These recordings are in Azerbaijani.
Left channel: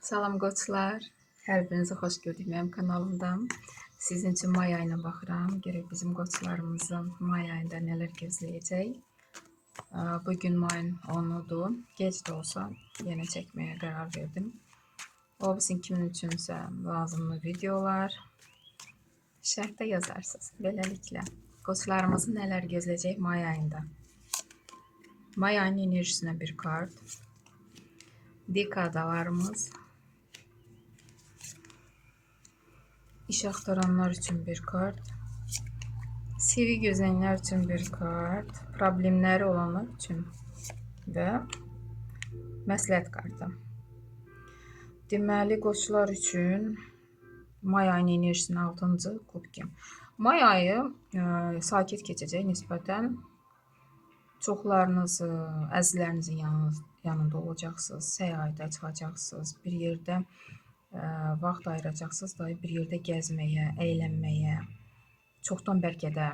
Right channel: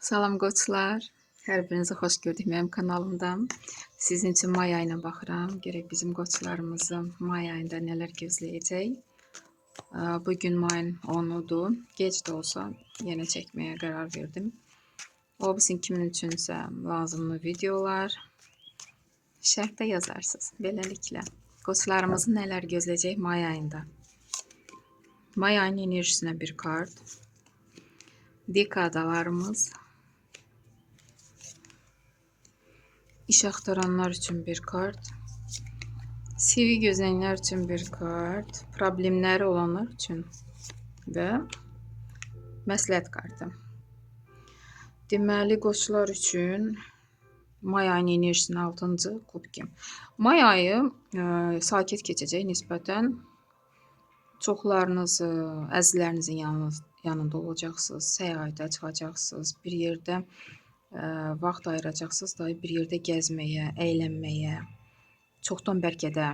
Salam qoçlar. Hər birinizi xoş gördük mənim kanalımdan. Sizin üçün may ayına baxıram. Görək bizim qoçlarımızı may ayında nələr gözləyəcək. Bu gün mayın 10-udur. Gec də olsa yenə çəkməyə qərar verdim. O bizim kimin üçünsə lazımlı videolar şərhdə yazarsınız. Beləliklə qoçlarımızı nələr gözləyəcək may ayında. May ayının enerjisinə bir kart. Dekadalarımız. İş axtaranlar üçün bir kart. Sevgi gözləyənlər üçün bir kart. Problemləri olanlar üçün və məsləhət kartı. Deməli, qoçlar üçün may ayının enerjisinin 6-cı kubki. May ayı sakit keçəcək nisbətən. Çoxlarınız əzizlərinizin yanında olacaqsınız, səyahətə çıxacaqsınız, bir yerdə vaxt ayıracaqsınız da bir yerdə gəzməyə, əylənməyə. Çoxdan bəlkə də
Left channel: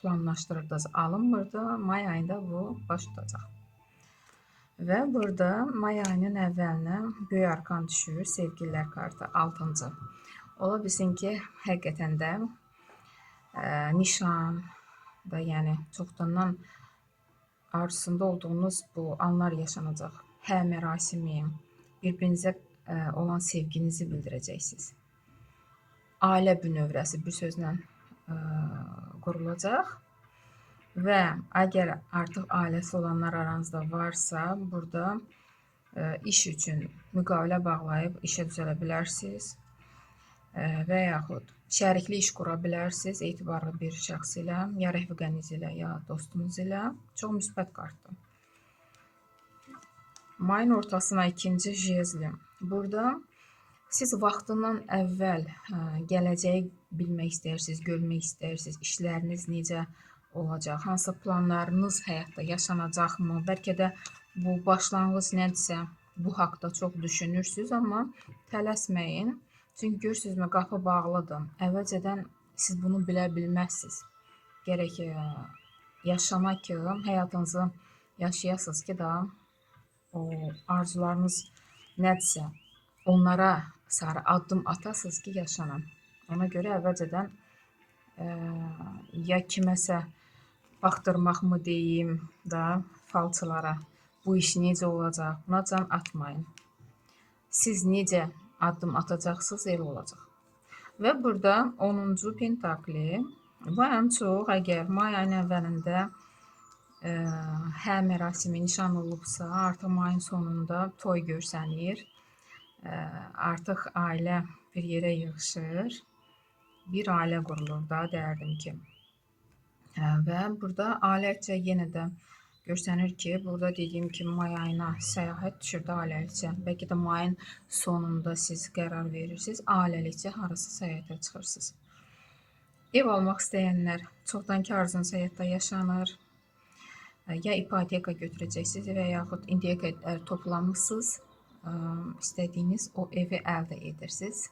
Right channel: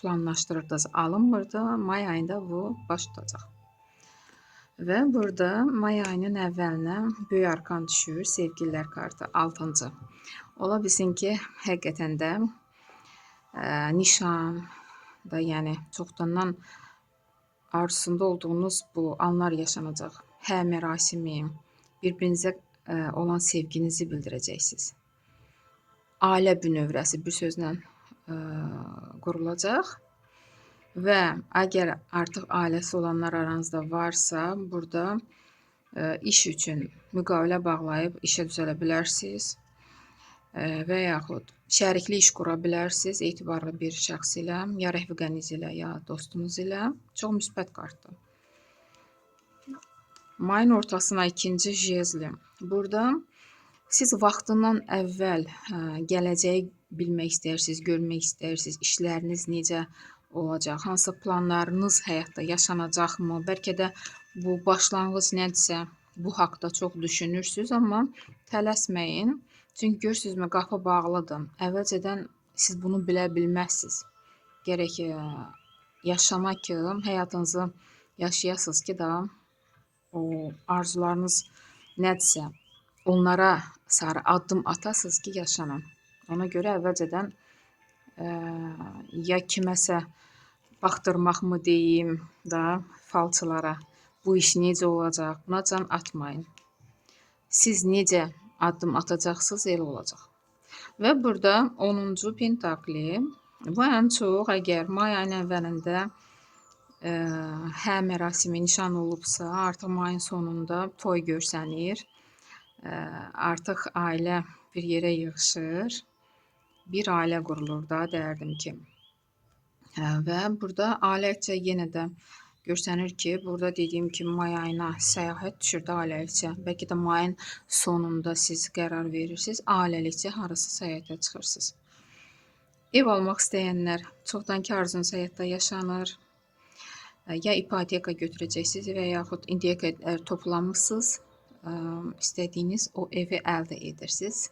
planlaşdırdınız, alınmırdı. May ayında bu baş tutacaq. Və burada may ayının əvvəlinə böyük arkan düşür, sevgililər kartı 6-cı. Ola bilsin ki, həqiqətən də nişan da, yəni çoxdandan arzusunda olduğunuz bu anlar yaşanacaq. Hə mərasimi, bir-birinizə olan sevginizi bildirəcəksiniz. Ailə bünövrəsi bir sözlə qurulacaq və əgər artıq ailəsi olanlar aranızda varsa, burada iş üçün müqavilə bağlayıb işə düzələ bilərsiniz və yaxud şərikli iş qura bilərsiniz etibarlı bir şəxs ilə, ya rəfiqəniz ilə, ya dostunuz ilə. Çox müsbət kartdır. Mayın ortasına 2-ci jezli. Burada siz vaxtından əvvəl gələcəyi bilmək istəyirsiniz, görmək istəyirsiniz, işləriniz necə olacaq, hansı planlarınız həyatda yaşanacaqmı, bəlkə də bu başlanğıc nədirsə, bu haqda çox düşünürsünüz, amma tələsməyin. Çünki görürsünüzmü, qapı bağlıdır. Əvvəlcədən siz bunu bilə bilməzsiniz. Gərək yaşamaq ki, həyatınızı yaşayasınız ki da, o arzularınız nədirsə, onlara sarı addım atasınız ki, yaşanın. Ona görə əvvəlcədən ya kiməsə baxdırmaq mı deyim da falçılara, bu iş necə olacaq, buna can atmayın. Siz necə addım atacaqsınız, elə olacaq. Və burada 10-cu pentakli, bu ən çox əgər may ayının əvvəlində hə mərasimi nişan olubsa, artıq mayın sonunda toy görsənir. Artıq ailə bir yerə yığışır. Bir ailə qurulur da, deyərdim ki. Və burada ailəcə yenə də görsənir ki, burada dediyim kimi may ayına səyahət düşür də ailəlikcə. Bəlkə də mayın sonunda siz qərar verirsiniz, ailəlikcə harasa səyahətə çıxırsınız. Ev almaq istəyənlər çoxdankı arzunuz həyatda yaşanır. Ya ipoteka götürəcəksiniz və yaxud indiyə qədər toplamışsınız, istədiyiniz o evi əldə edirsiniz,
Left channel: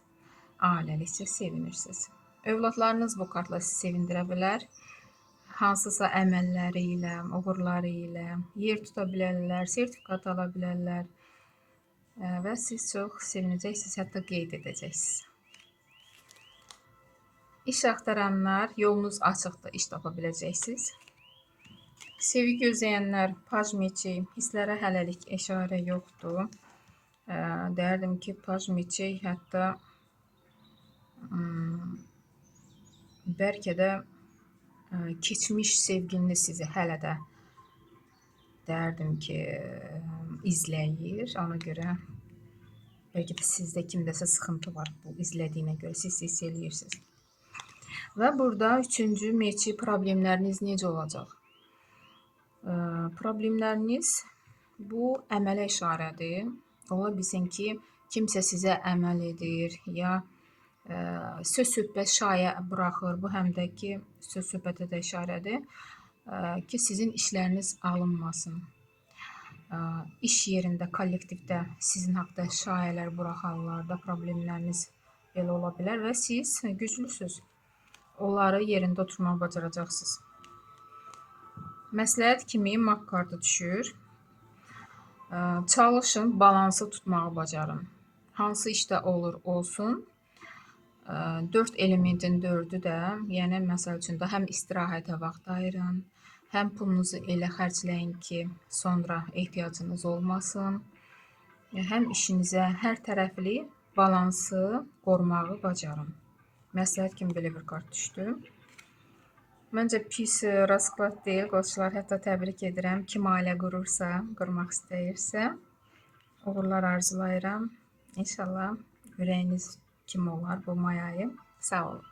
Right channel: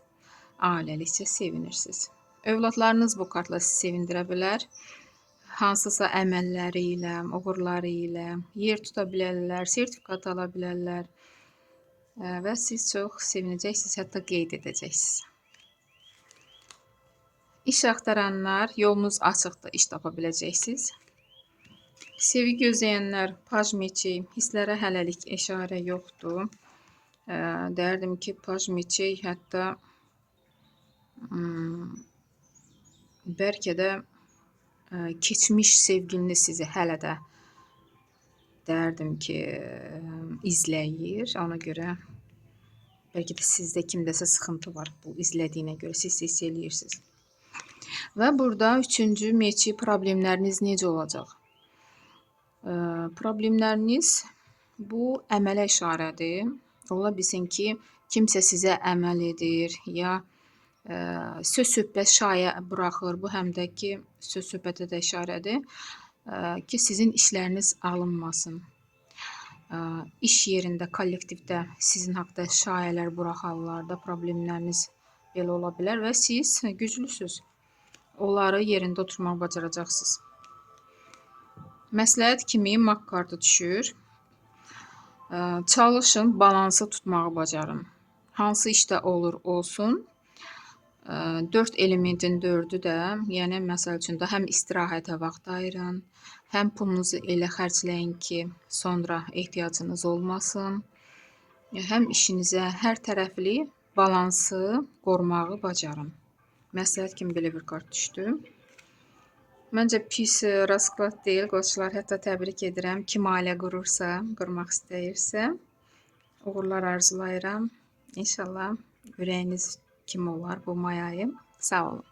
ailəlikcə sevinirsiniz. Övladlarınız bu kartla sizi sevindirə bilər. Hansısa əməlləri ilə, uğurları ilə yer tuta bilərlər, sertifikat ala bilərlər və siz çox sevinəcəksiniz, hətta qeyd edəcəksiniz. İş axtaranlar yolunuz açıqdır, iş tapa biləcəksiniz. Sevgi gözləyənlər paj meçi, hisslərə hələlik işarə yoxdur. Deyərdim ki, paj meçi hətta bəlkə də keçmiş sevgiliniz sizi hələ də deyərdim ki, izləyir. Ona görə bəlkə də sizdə kimdəsə sıxıntı var bu izlədiyinə görə, siz hiss eləyirsiniz. Və burada 3-cü meçi problemləriniz necə olacaq? Problemləriniz bu əmələ işarədir. Ola bilsin ki, kimsə sizə əməl edir, ya söz-söhbət şayə buraxır. Bu həm də ki, söz-söhbətə də işarədir ki, sizin işləriniz alınmasın. İş yerində, kollektivdə sizin haqda şayələr buraxarlar da, problemləriniz belə ola bilər və siz güclüsünüz. Onları yerində oturmaq bacaracaqsınız. Məsləhət kimi mak kartı düşür. Çalışın, balansı tutmağı bacarın. hansı işdə olur olsun, 4 elementin 4-ü də, yəni məsəl üçün də həm istirahətə vaxt ayırın, həm pulunuzu elə xərcləyin ki, sonra ehtiyacınız olmasın, həm işinizə hər tərəfli balansı qorumağı bacarın. Məsləhət kimi belə bir kart düşdü. Məncə pis rasklad deyil, qoçlar, hətta təbrik edirəm. Kim ailə qurursa, qurmaq istəyirsə, uğurlar arzulayıram. İnşallah ürəyiniz kimi olar bu may ayı. Sağ olun.